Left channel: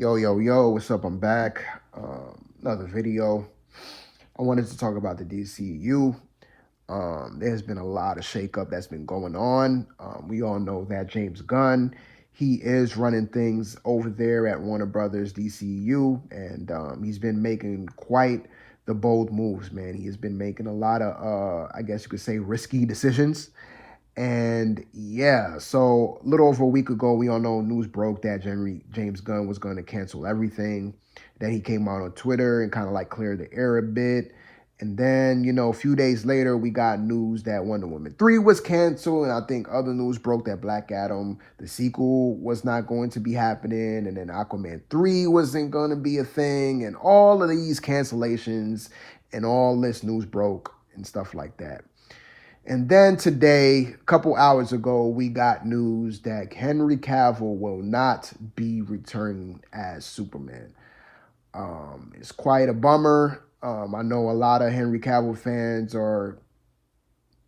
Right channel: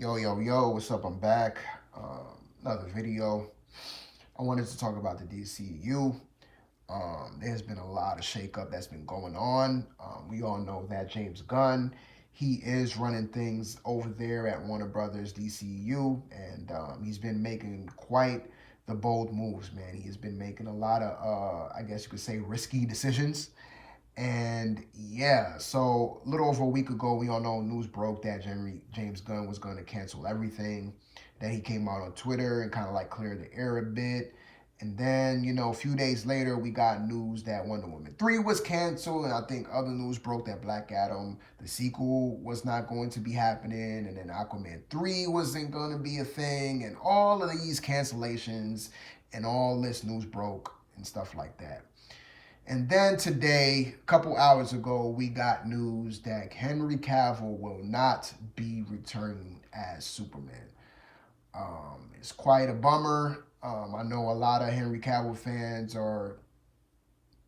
Yo, what's up? I'm back. Another video. I wanted to talk about the DCEU. There's been a lot of shakeup that's been going on. We all know that James Gunn, he is running things over there at Warner Brothers DCEU, and he's been making quite the bold moves, man. He has been making a lot of, I guess you could say, risky decisions. And yeah, so a little over a week ago, we all know news broke that James Gunn was going to cancel everything. Then he came out on Twitter and kind of like cleared the air a bit. And then, a few days later, we got news that Wonder Woman 3 was canceled. And I think other news broke that Black Adam, the sequel, was not going to be happening. And then Aquaman 3 wasn't going to be a thing. And all of these cancellations and all this news broke and stuff like that. And then today, a couple hours ago, we got news that Henry Cavill will not be returning as Superman. It's quite a bummer. I know a lot of Henry Cavill fans are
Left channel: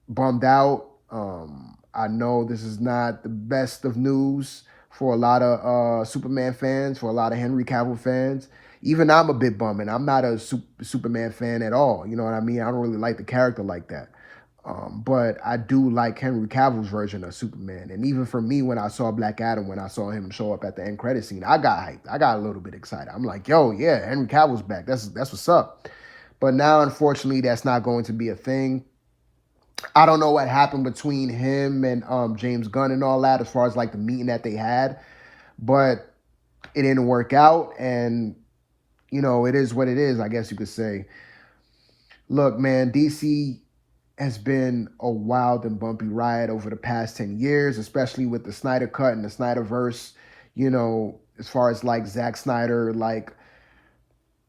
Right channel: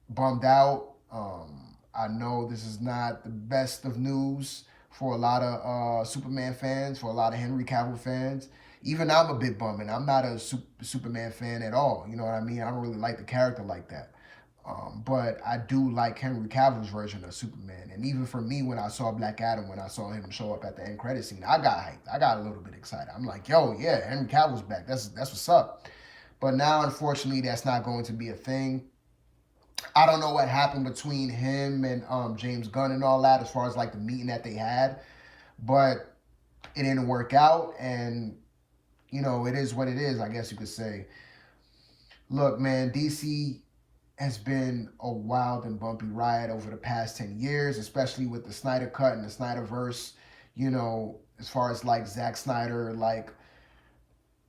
bummed out. I know this is not the best of news for a lot of Superman fans, for a lot of Henry Cavill fans. Even I'm a bit bummed, and I'm not a Superman fan at all. You know what I mean? I don't really like the character like that. But I do like Henry Cavill's version of Superman. And even for me, when I saw Black Adam, when I saw him show up at the end credit scene, I got hyped. I got a little bit excited. I'm like, yo, yeah, Henry Cavill's back. That's what's up. But now, unfortunately, that's not going to be a thing. I don't know what happened between him and James Gunn and all that as far as like the meeting that they had. But it didn't work out. And, it is what it is, I guess you could say. Look, man, DC has been a wild and bumpy ride over the past 10 years, especially with the Snyder Cut and the Snyderverse, as far as like Zack Snyder, like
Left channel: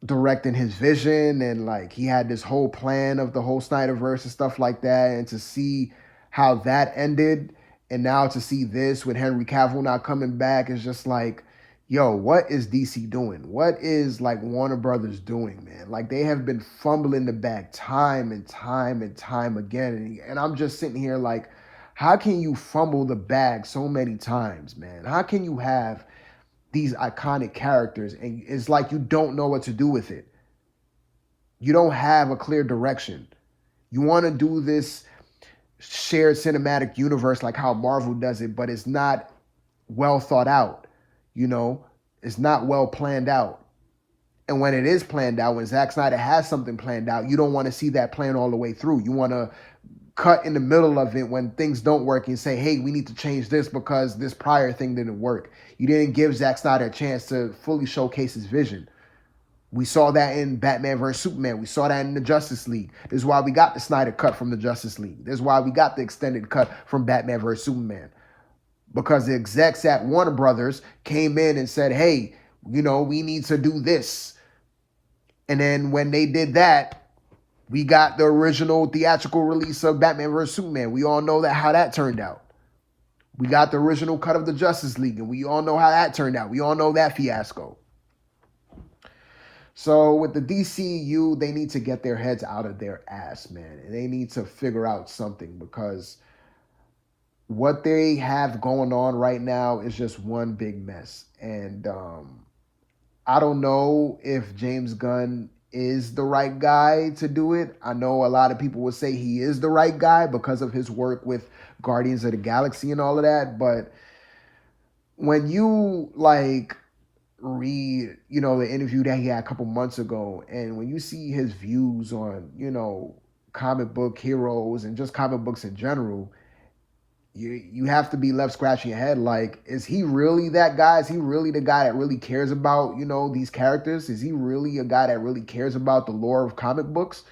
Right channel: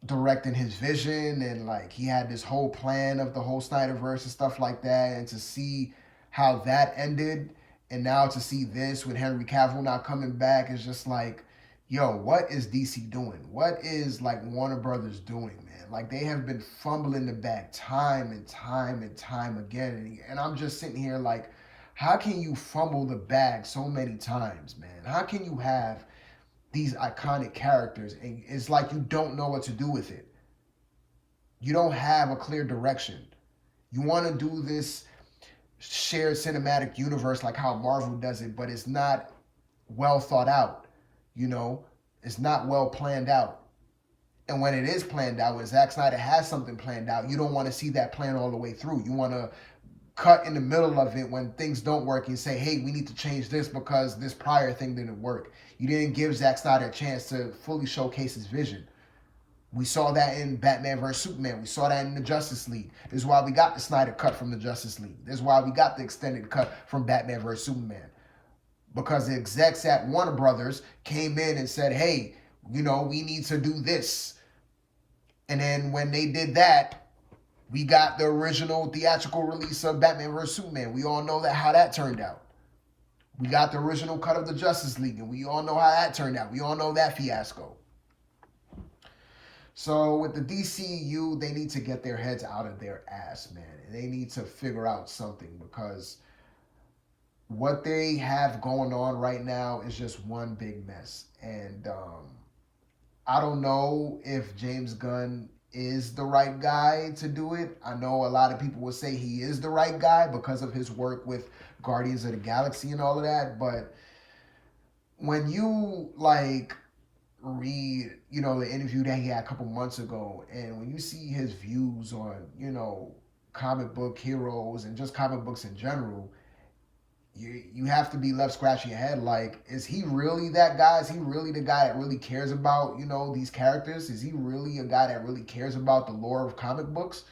directing his vision and like he had this whole plan of the whole Snyderverse and stuff like that. And to see how that ended and now to see this with Henry Cavill not coming back is just like, yo, what is DC doing? What is like Warner Brothers doing, man? Like they have been fumbling the bag time and time and time again. And I'm just sitting here like, how can you fumble the bag so many times, man? How can you have these iconic characters and it's like you don't know what to do with it? You don't have a clear direction. You want to do this shared cinematic universe like how Marvel does it, but it's not well thought out. It's not well planned out. And when it is planned out, when Zack Snyder has something planned out, you don't want to see that plan all the way through. You want to cut in the middle of it when things don't work and say, hey, we need to change this because this prior thing didn't work. You didn't give Zack Snyder a chance to fully showcase his vision. We saw that in Batman vs. Superman. We saw that in the Justice League. This is why we got the Snyder cut from the Justice League. This is why we got the extended cut from Batman vs. Superman. Because the execs at Warner Brothers came in and said, hey, we need to do this. And then when they did that, we got the original theatrical release of Batman vs. Superman. We all know how that turned out. We got the original cut of the Justice League, and we all know how that turned out. We all know that fiasco. So with the DCEU, they need to get their heads out of their ass, man. And they need to figure out something because what they have going on right now is just one big mess. And I don't know if James Gunn is the right guy to do it. I know a lot of people will say he is the right guy because of his work with Guardians of the Galaxy and all of that. But when you like read, the interview that he had a couple months ago, and when you see his views on, comic book heroes and just comic books in general, you have to be left scratching your head like, is he really that guy? Is he really the guy that really cares about, these characters? Is he really a guy that really cares about the lore of comic books?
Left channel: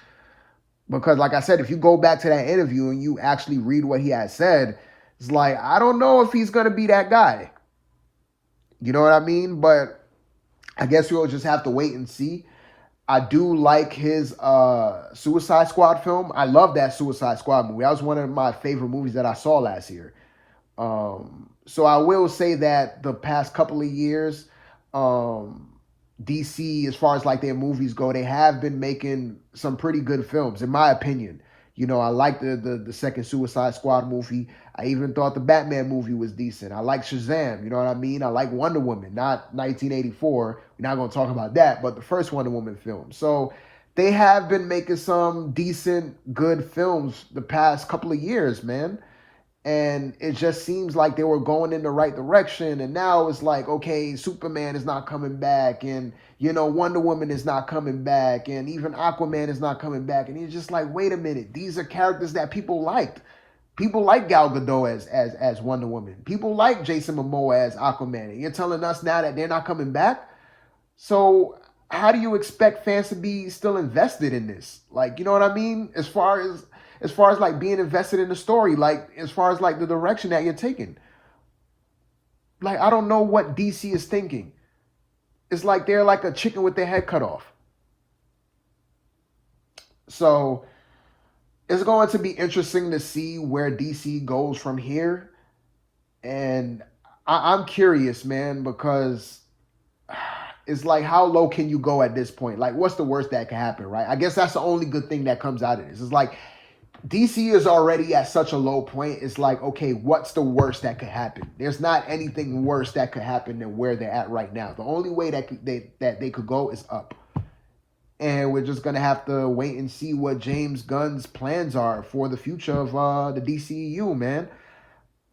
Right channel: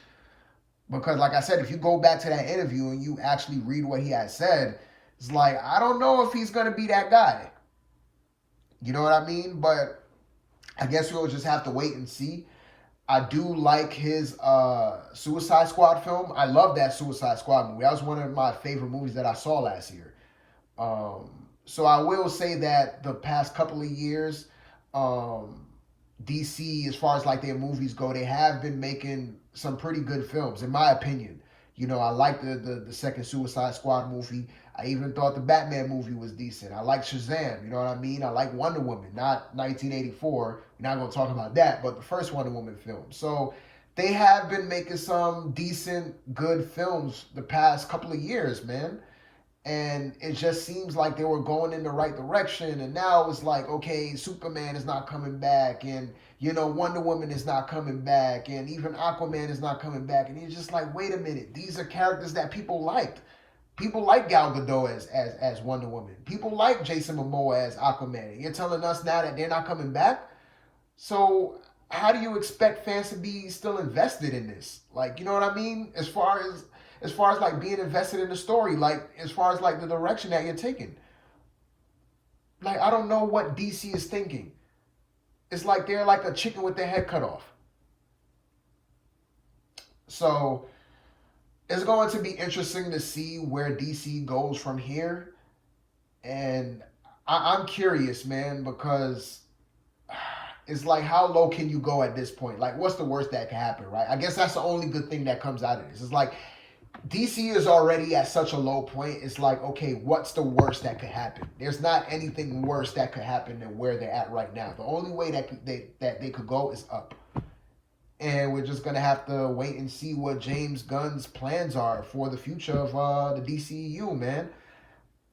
Because like I said, if you go back to that interview and you actually read what he had said, it's like, I don't know if he's going to be that guy. You know what I mean? But I guess we'll just have to wait and see. I do like his Suicide Squad film. I love that Suicide Squad movie. That was one of my favorite movies that I saw last year. So I will say that the past couple of years, DC, as far as like their movies go, they have been making some pretty good films, in my opinion. I like the second Suicide Squad movie. I even thought the Batman movie was decent. I like Shazam, you know what I mean? I like Wonder Woman, not 1984. We're not going to talk about that, but the first Wonder Woman film. So they have been making some decent, good films the past couple of years, man. And it just seems like they were going in the right direction. And now it's like, okay, Superman is not coming back. And, you know, Wonder Woman is not coming back. And even Aquaman is not coming back. And you're just like, wait a minute. These are characters that people liked. People like Gal Gadot as Wonder Woman. People like Jason Momoa as Aquaman. And you're telling us now that they're not coming back? So how do you expect fans to be still invested in this? Like, you know what I mean? As far as like being invested in the story, like as far as like the direction that you're taking. Like, I don't know what DC is thinking. It's like they're like a chicken with their head cut off. So it's going to be interesting to see where DC goes from here. And I'm curious, man, because it's like, how low can you go at this point? Like, what's the worst that can happen, right? I guess that's the only good thing that comes out of this. It's like, DC is already at such a low point. It's like, okay, what's the worst that could happen? There's not anything worse that could happen than where they're at right now. The only way that they could go is up. And we're just going to have to wait and see what James Gunn's plans are for the future of the DCEU, man.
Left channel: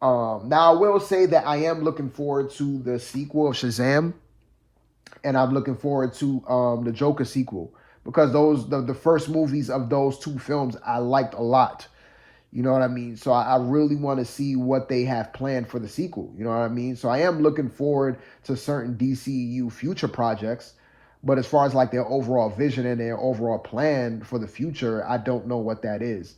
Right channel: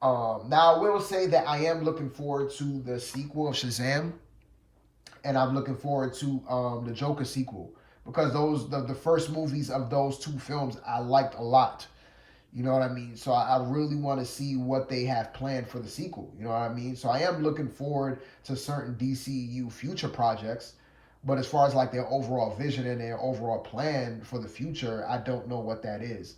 Now, I will say that I am looking forward to the sequel of Shazam. And I'm looking forward to the Joker sequel. Because the first movies of those two films I liked a lot. You know what I mean? So I really want to see what they have planned for the sequel. You know what I mean? So I am looking forward to certain DCEU future projects. But as far as like their overall vision and their overall plan for the future, I don't know what that is.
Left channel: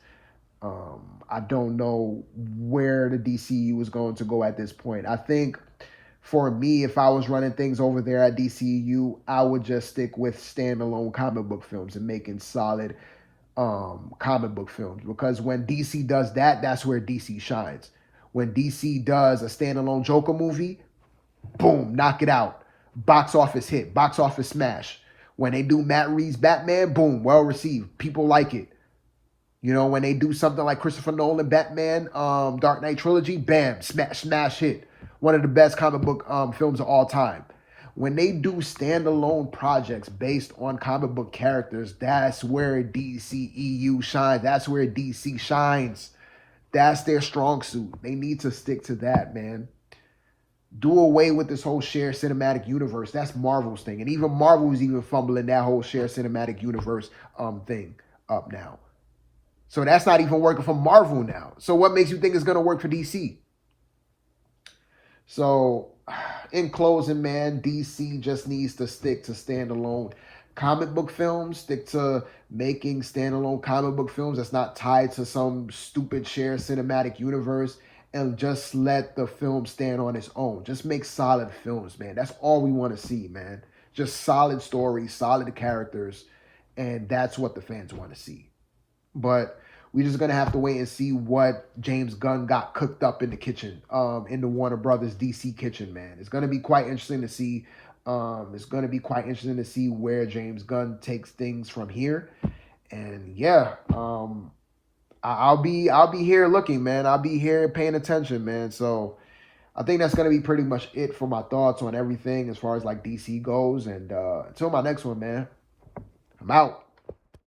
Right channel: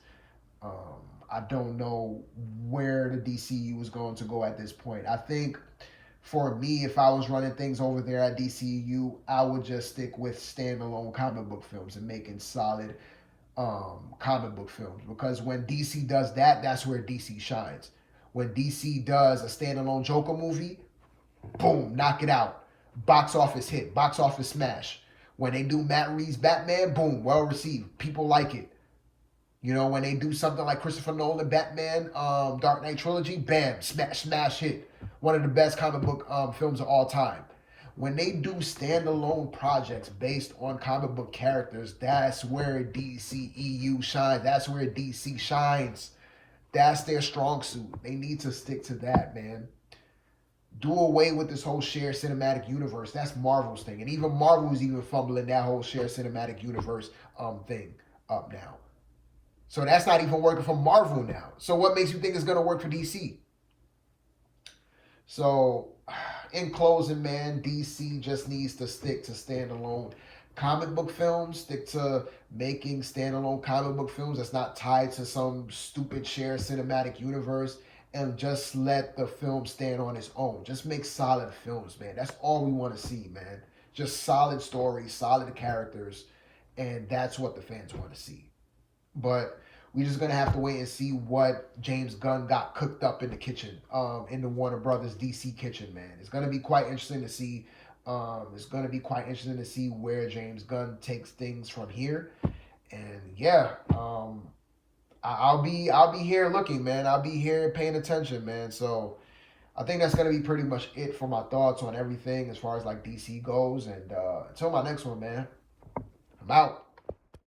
I don't know where the DCEU is going to go at this point. I think for me, if I was running things over there at DCEU, I would just stick with standalone comic book films and making solid comic book films. Because when DC does that, that's where DC shines. When DC does a standalone Joker movie, boom, knock it out. Box office hit, box office smash. When they do Matt Reeves' Batman, boom, well received. People like it. You know, when they do something like Christopher Nolan Batman, Dark Knight trilogy, bam, smash hit. One of the best comic book films of all time. When they do standalone projects based on comic book characters, that's where DCEU shines. That's where DC shines. That's their strong suit. They need to stick to that, man. Do away with this whole shared cinematic universe. That's Marvel's thing. And even Marvel's even fumbling that whole shared cinematic universe thing up now. So that's not even working for Marvel now. So what makes you think it's going to work for DC? So in closing, man, DC just needs to stick to standalone comic book films, stick to making standalone comic book films that's not tied to some stupid shared cinematic universe, and just let the film stand on its own. Just make solid films, man. That's all we want to see, man. Just solid stories, solid characters, and that's what the fans want to see. But we're just going to have to wait and see what James Gunn got cooked up in the kitchen, in the Warner Brothers DC kitchen, man. It's going to be quite interesting to see. It's going to be quite interesting to see where James Gunn takes things from here. And yeah, I'll be here looking, man. I'll be here paying attention, man. So I think that's going to be pretty much it for my thoughts on everything as far as like DC goes. And until my next one, man, I'm out.